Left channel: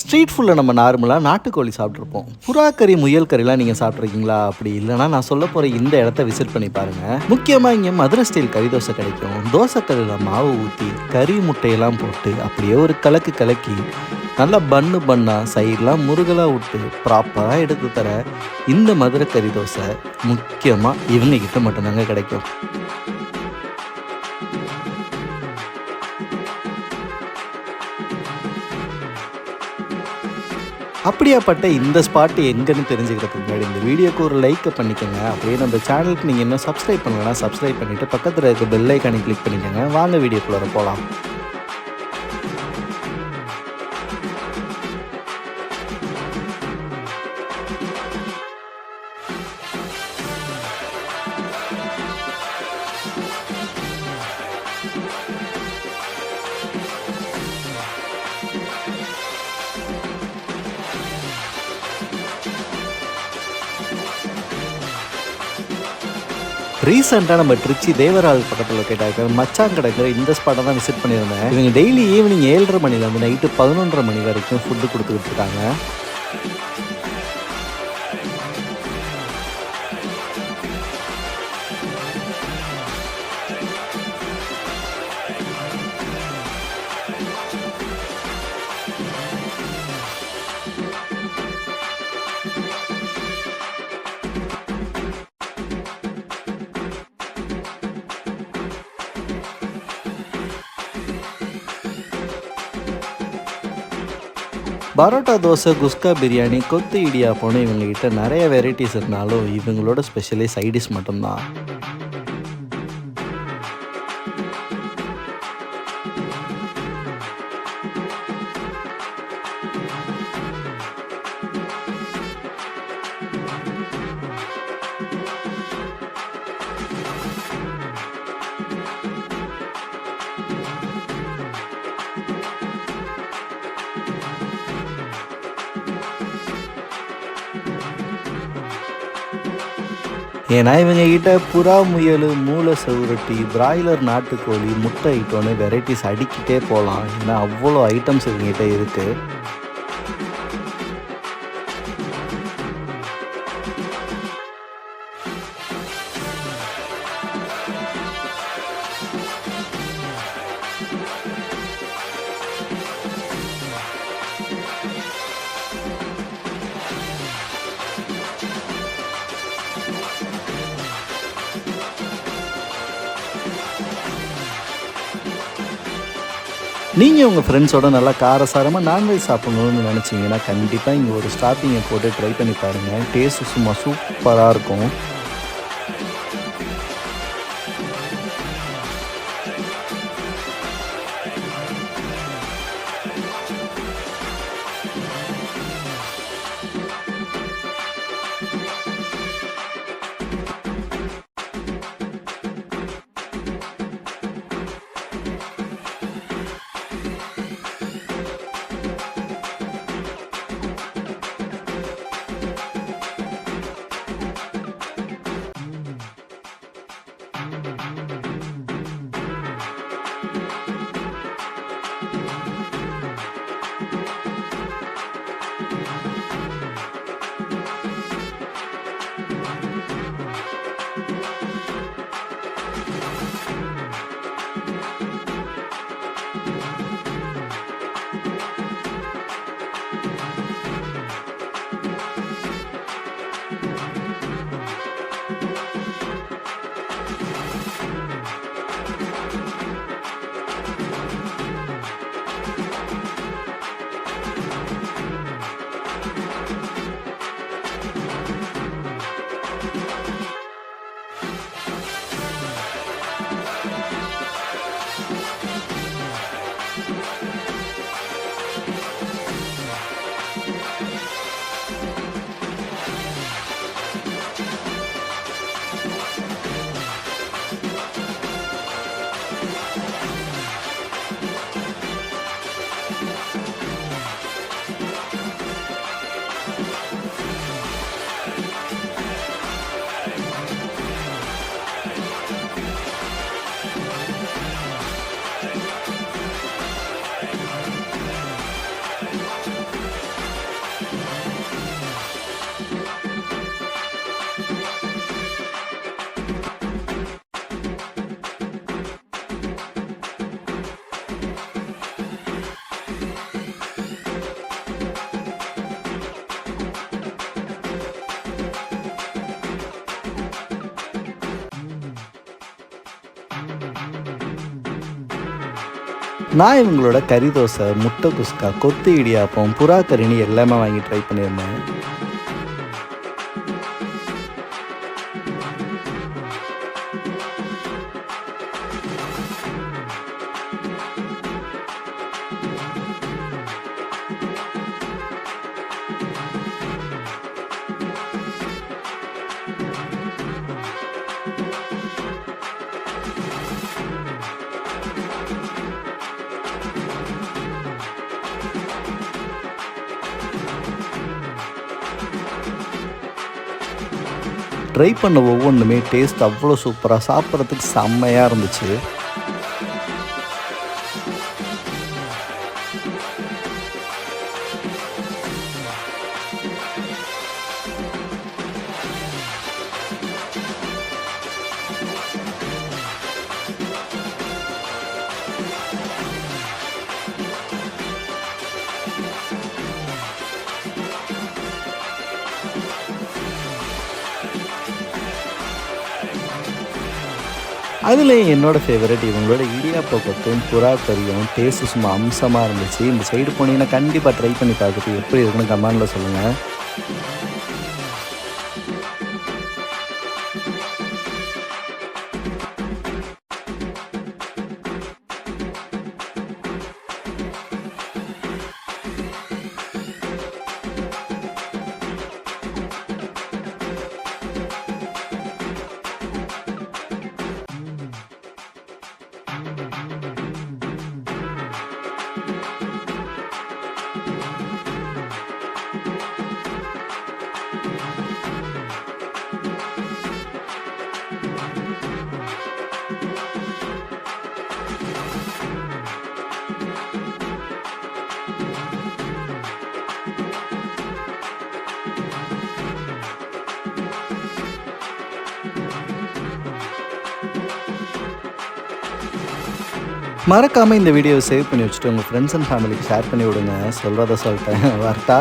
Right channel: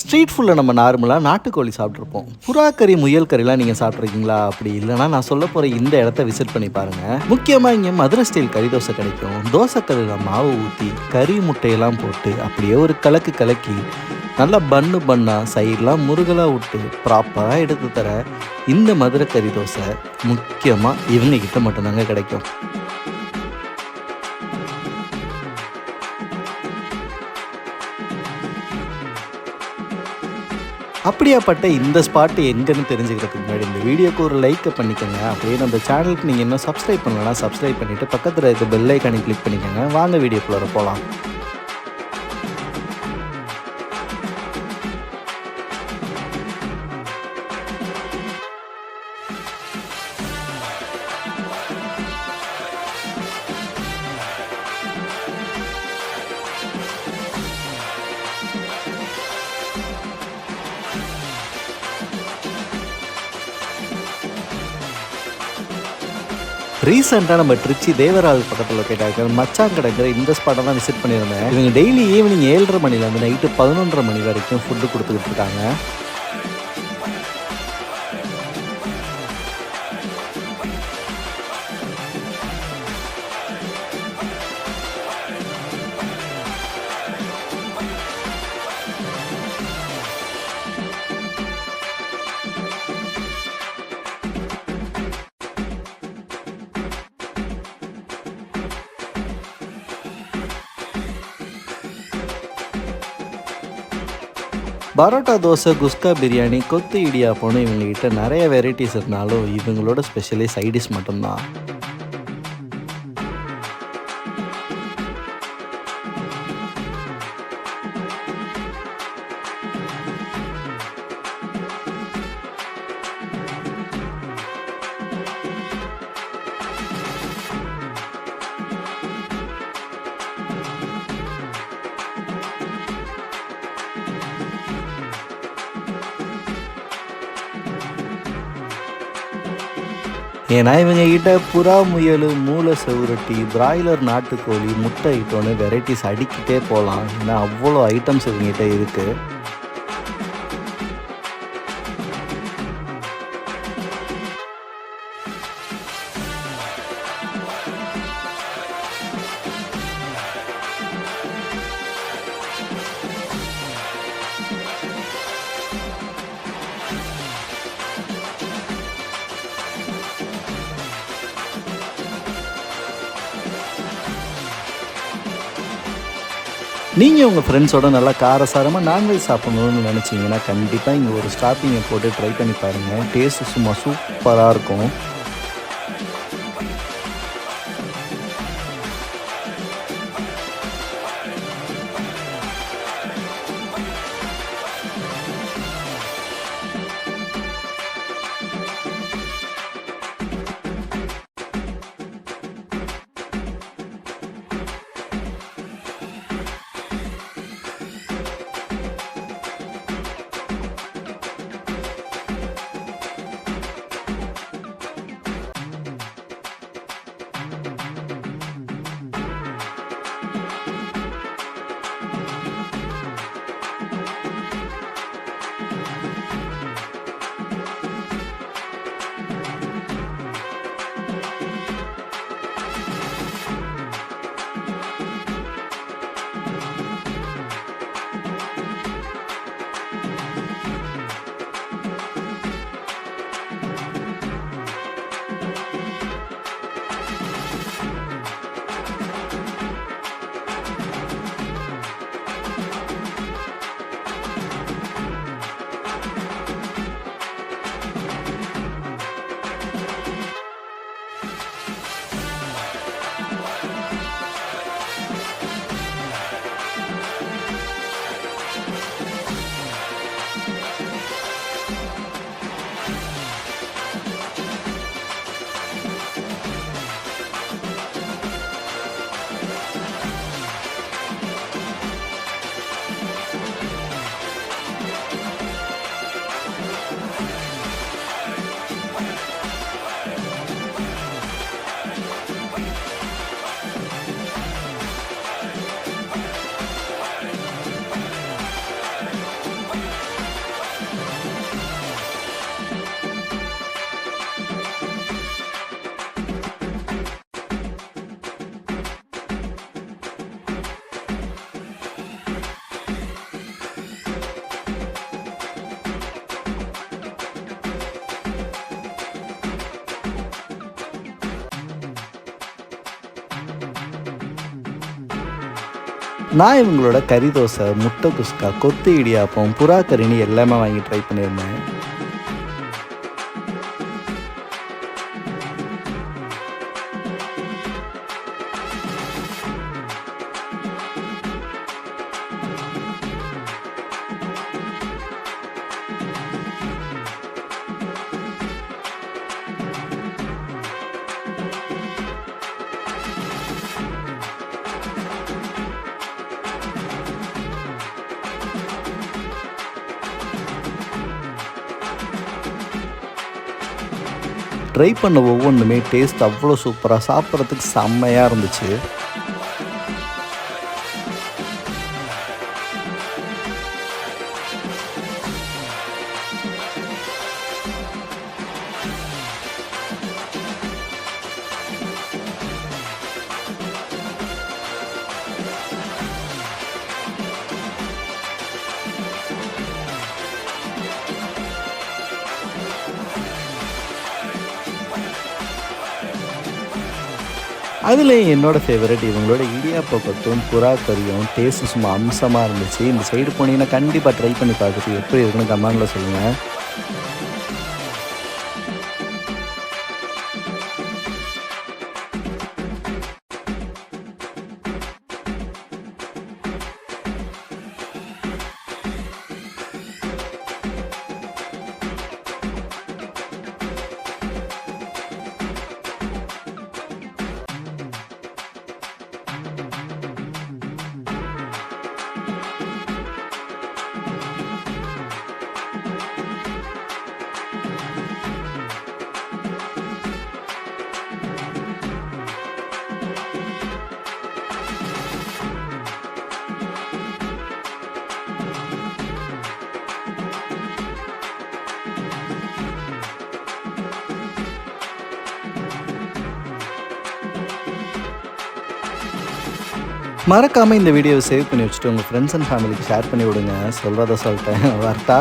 Street ஃபுட்டில் நம்ம நார்மலாக நாட்டுக்கோழி சாப்பிட்ருப்போம். புறா கறி, முயல் கறிலாம் நீங்கள் சாப்பிட்ருக்கீங்களா? அப்படி இல்லைனா நான் சொல்ல போகிற இந்த இடத்த விசிட் பண்ணி பாருங்கள். முக்கியமாக இங்கே மதுரை ஸ்டைல் கறி தோசை கிடைக்கும். தோசைக்கல்லில் மாவு ஊற்றி கறி முட்டையெல்லாம் போட்டு அப்படியே ஒரு கலக்கு கலக்கி நல்லா பண்ணாக சைடெலாம் முருகலாக விட்டு ப்ராப்பராக எடுத்து தர இந்த மதுரை கறி தோசை முக்கியமாக இவங்கக்கிட்ட மட்டும்தாங்க கிடைக்கும். அப்படியாப்பட்ட இந்த ஸ்பாட்டு எங்கன்னு தெரிஞ்சுக்கிறதுக்கு முன்னாடி இந்த வீடியோக்கு ஒரு லைக்கை பண்ணிக்கோங்க. அப்படியே நம்ம சேனலுக்கு நீங்கள் இன்னும் சப்ஸ்கிரைப் பண்ணலன்னா சப்ஸ்கிரைப் பண்ணிவிட்டு பக்கத்தில் இருக்க பெல் ஐக்கானை கிளிக் பண்ணிக்கோங்க. வாங்க வீடியோக்குள்ளே போகலாம். ரீசெண்டாக நம்ம திருச்சி தேவரால் பக்கத்தில் கேட்டாங்க மச்சாங்கடைங்கிற இந்த ஸ்பாட்டை தான் விசிட் பண்ணியிருந்தேன். இவங்க டெய்லி ஈவினிங் 7:30 மணிலேருந்து நைட்டு 11:30 மணி வரைக்கும் ஃபுட்டு கொடுத்துக்கிட்டு இருக்காங்க. பரோட்டா, தோசை, குஸ்கா, பிரியாணி, கொத்து இடியாப்பம்னு இவங்ககிட்ட நிறைய வெரைட்டிஸ் இருந்தாலும் இவங்களோட ஸ்பெஷலி சைடிஷ் மட்டும்தான். ஏன்னா இவங்க கிட்ட புறா, முயல், மூளை செவுரட்டி, பிராய்லர் நாட்டுக்கோழி, முட்டை ஐட்டம்னு வெரைட்டிஸ் அடிக்கிட்டே போகலாம். ஏன்னா அவ்வளோ ஐட்டம்ஸ் இவங்ககிட்ட இருக்குது. நீங்கள் உங்கள் ஃப்ரெண்ட்ஸோட நல்லா காரசாரமாக நான்வெஜ் சாப்பிட்ணுன்னு நினச்சிங்கன்னா கண்டிப்பாக இங்கே ஒரு ஸ்டாப்பிங்கை போட்டு ட்ரை பண்ணி பாருங்கள். டேஸ்ட்டு சும்மா சூப்பராக இருக்கும். நான் இவங்களோட கறி தோசை, முட்டை குஸ்கா, கொத்து இடியாப்பம், புறா கறின்னு எல்லாமே வாங்கி ட்ரை பண்ணியிருந்தேன். ட்ரை பண்ண ஒவ்வொன்றுமே டேஸ்ட் அவ்வளோ சூப்பராக, சாப்பிட்றதுக்கு செம்மையாக இருந்துச்சு. அதுலேயும் என்னோடய ஃபேவரட் இவங்களோட இடியாப்ப கொத்தும், புறா கறியும் டேஸ்ட்டு சும்மா அம்சமாக இருந்துச்சு. இந்த சைடு போனீங்கன்னா கண்டிப்பாக ட்ரை பண்ணி பார்த்துட்டு எப்படி இருக்குன்னு கமெண்டில் சொல்லுங்கள். மறக்காமல் இந்த வீடியோவை சேவ் பண்ணி வச்சுட்டு உங்கள் ஃப்ரெண்ட்ஸ் அண்ட் ஃபேமிலிக்கு ஷேர் பண்ணி விடுங்க. சொல்கிறத சொல்லிட்டேன். வரட்டா?